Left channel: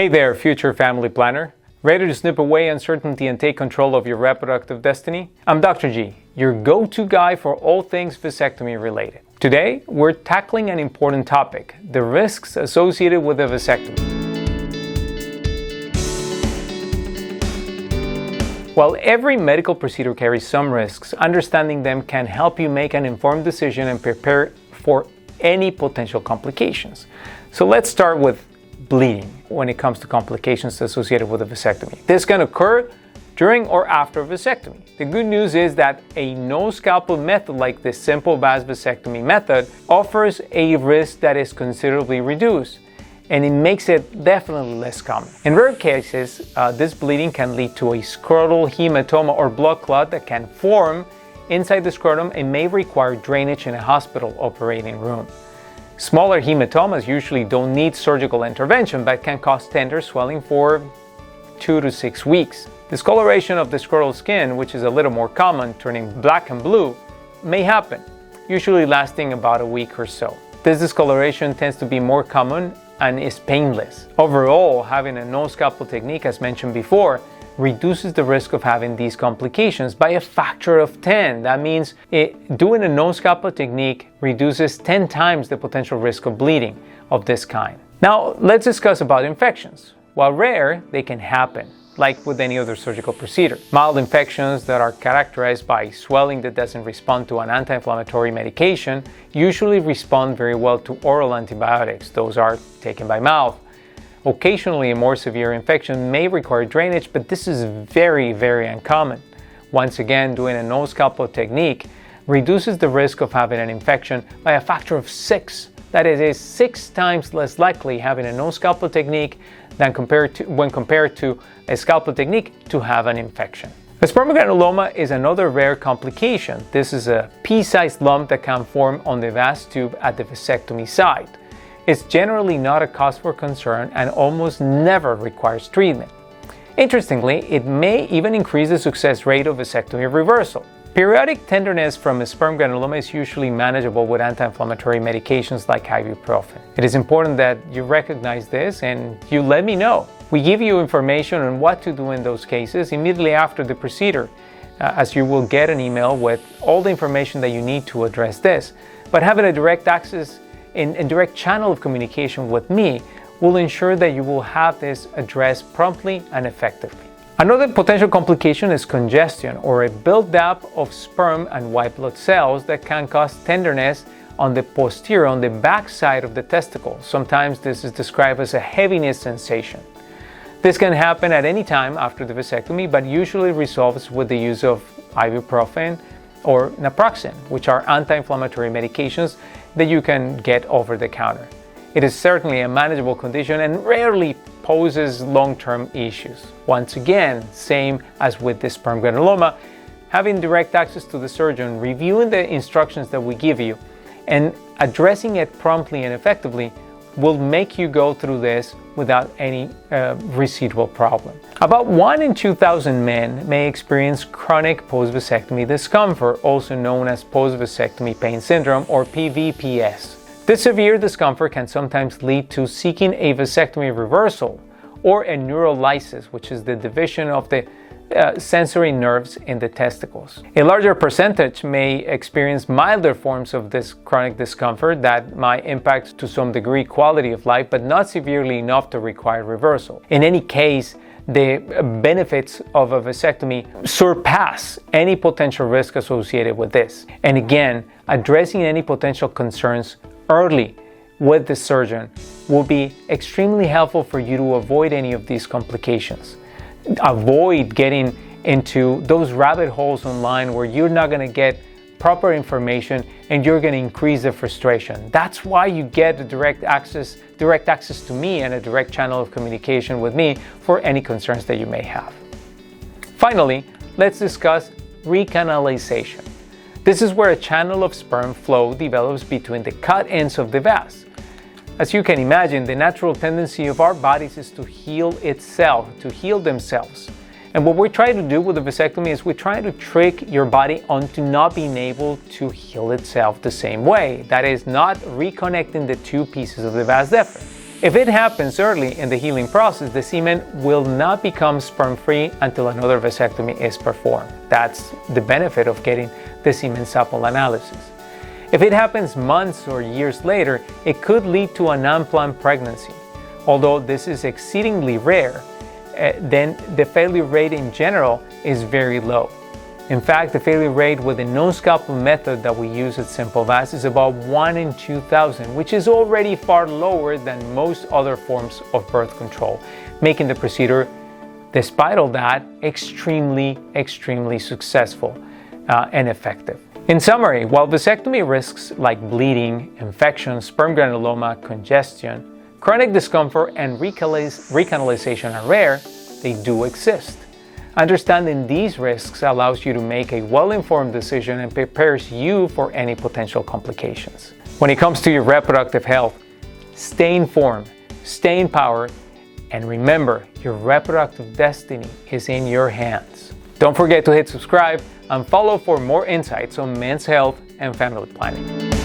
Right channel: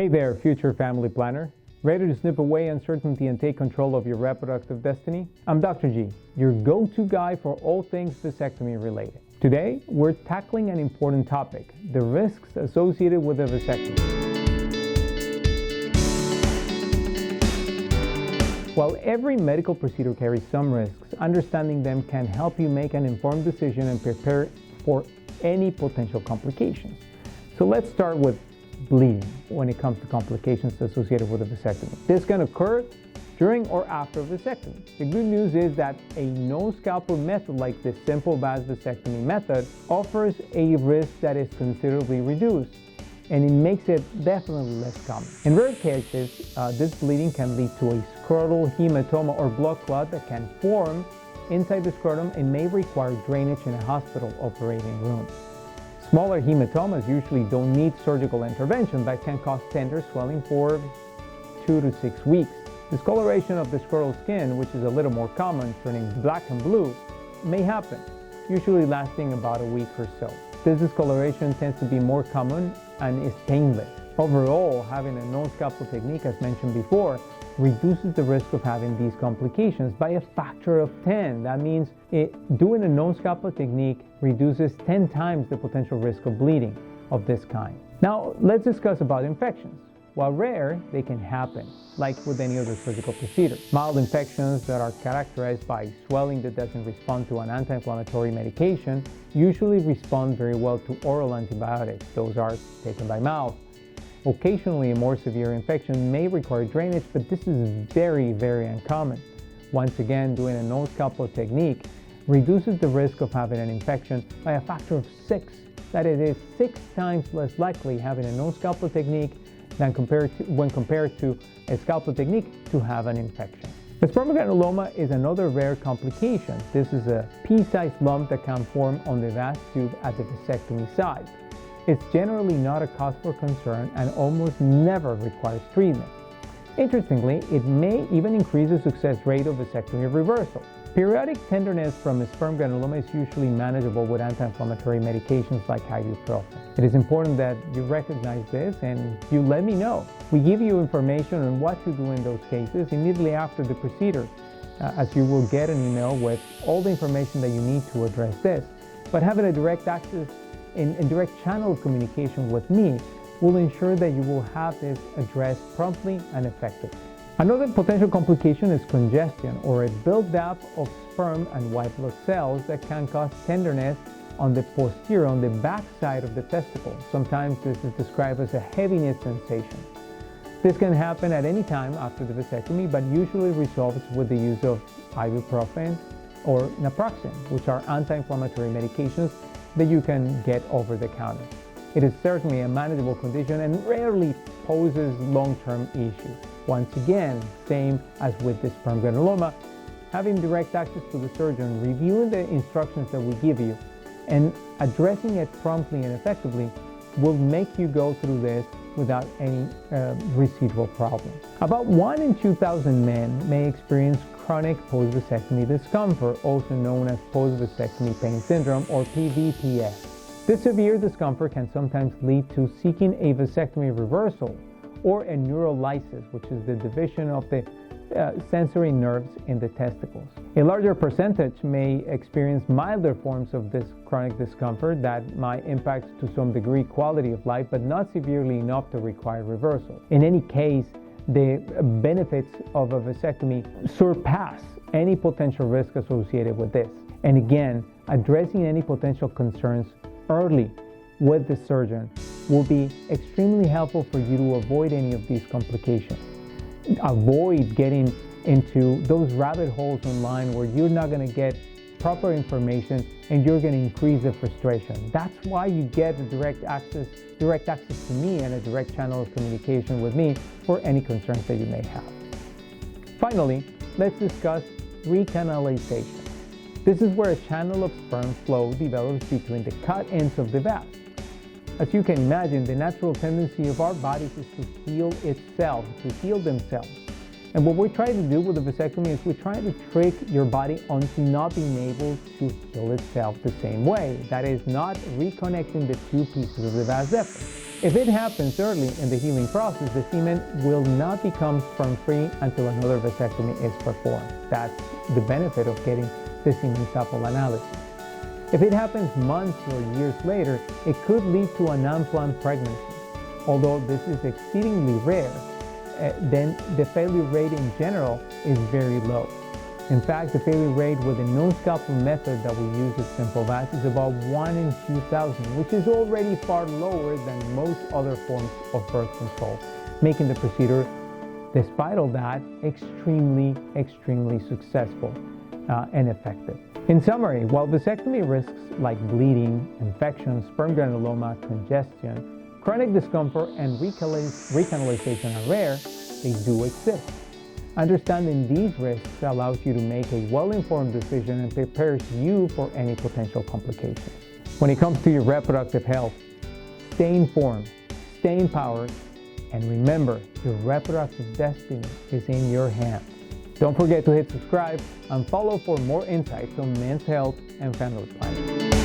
Hey there, future family planner. Ready to snip away uncertainty and take control of your reproductive destiny? I'm Dr. G, your go-to guy for all things vasectomy related. Today, we're tackling an important topic, the risks associated with a vasectomy. While every medical procedure carries some risks, understanding them can help you make an informed decision and prepare for any potential complications. So let's start with bleeding when it comes to complications associated with a vasectomy. This can occur during or after vasectomy. The good news is that a no-scalpel method like the simple vas vasectomy method offers a risk that is considerably reduced, and it makes it definitely less common. In rare cases, this bleeding can lead to a scrotal hematoma or blood clot that can form inside the scrotum and may require drainage in a hospital operating room. Smaller hematomas usually don't need surgical intervention but can cause tender swelling for 2 to 6 weeks. Discoloration of the scrotal skin, which is a little more common, turning black and blue, may happen, usually lasting about a week or so. This discoloration tends to be more common and is painless. Overall, having a no-scalpel technique, as mentioned before, reduces the risk of having these complications by a factor of 10. That means doing a no-scalpel technique reduces 10 times the potential risk of bleeding of this kind. Now, let's discuss about infections. While rare, they can happen, like with any other surgical procedure. Mild infections that are characterized by swelling that doesn't respond to an anti-inflammatory medication usually respond very well to oral antibiotics. Those are taken by mouth. Occasionally, a more severe infection may require drainage, but this is very, very uncommon. Once again, doing a no-scalpel technique reduces the risk of having an infection by a factor of 6. That is, it's 6 times less likely having a no-scalpel technique than when compared to a scalpel technique to have an infection. A spermogranuloma is another rare complication. This is a pea-sized lump that can form on the vas tube at the vasectomy site. It's generally not a cause for concern and almost never requires treatment. Interestingly, it may even increase the success rate of vasectomy reversal. Periodic tenderness from a sperm granuloma is usually manageable with anti-inflammatory medications like ibuprofen. It is important that you recognize this and you let me know. We give you information on what to do in those cases immediately after the procedure, as you will get an email with all the information that you need to address this. But having a direct access and direct channel of communication with me will ensure that you will have this addressed promptly and effectively. Another potential complication is congestion, or a buildup of sperm and white blood cells that can cause tenderness on the posterior, on the back side of the testicle. Sometimes this is described as a heaviness sensation. This can happen at any time after the vasectomy, but usually resolves with the use of ibuprofen or naproxen, which are anti-inflammatory medications that you can get over the counter. It is certainly a manageable condition and rarely poses long-term issues. Once again, same as with the sperm granuloma, having direct access to the surgeon, reviewing the instructions that we give you, and addressing it promptly and effectively will make you go through this without any residual problem. About 1 in 2,000 men may experience chronic post-vasectomy discomfort, also known as post-vasectomy pain syndrome or PVPS. This severe discomfort can sometimes lead to seeking a vasectomy reversal or a neurolysis, which is the division of the sensory nerves in the testicles. A larger percentage may experience milder forms of this chronic discomfort that might impact to some degree quality of life, but not severely enough to require reversal. In any case, the benefits of a vasectomy surpass any potential risk associated with this. And again, addressing any potential concerns early with the surgeon will be extremely helpful for you to avoid any of these complications. Avoid getting into those rabbit holes online where you're not going to get proper information and you're going to increase the frustration. That's why you get a direct access to me and a direct channel of communication with me for any concerns that you may have. Finally, let's discuss recanalization. This is where a channel of sperm flow develops between the cut ends of the vas. As you can imagine, the natural tendency of our bodies is to heal itself, to heal themselves. And what we're trying to do with the vasectomy is we're trying to trick your body onto not being able to heal itself the same way. That is, not reconnecting the two pieces of the vas deferens. If it happens early in the healing process, the semen will not become sperm-free until another vasectomy is performed. That's the benefit of getting the semen sample analysis. If it happens months or years later, it could lead to an unplanned pregnancy. Although this is exceedingly rare, then the failure rate in general is very low. In fact, the failure rate with the no-scalpel method that we use at Simple Vas is about 1 in 2,000, which is already far lower than most other forms of birth control, making the procedure, despite all that, extremely successful and effective. In summary, while vasectomy risks like bleeding, infection, sperm granuloma, congestion, chronic discomfort, and recanalization are rare, they do exist. Understanding these risks allows you to make a well-informed decision and prepares you for any potential complications. When it comes to your reproductive health, stay informed, stay empowered, and remember, your reproductive destiny is in your hands. Don't forget to hit subscribe and follow for more insights on men's health and family planning.